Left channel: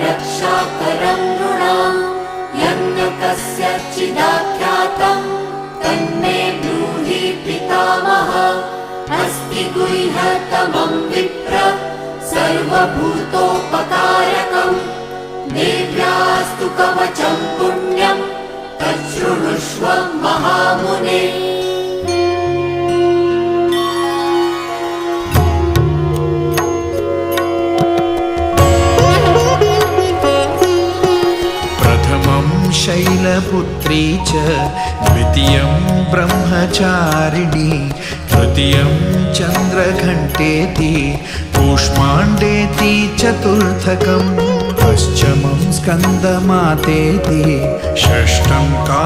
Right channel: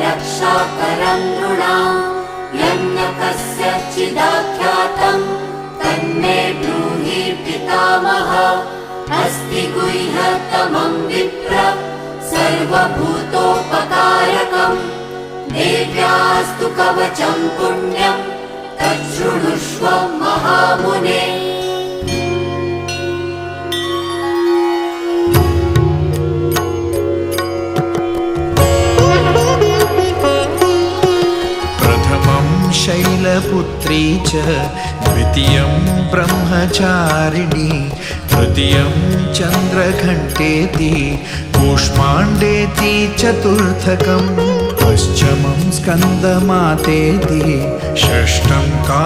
रक्षाकरं नृणाम् यन्न कस्यचिदाख्यातं तन्मे ब्रूहि पितामह अस्ति गुह्यतमं विप्र सर्वभूतोपकारकम् देव्यास्तु कवचं पुण्यं तच्छृणुष्व महामुने। प्रथमं शैलपुत्री च द्वितीयं ब्रह्मचारिणी तृतीयं चन्द्रघण्टेति कूष्माण्डेति चतुर्थकं पञ्चमं स्कन्दमातेति षष्ठं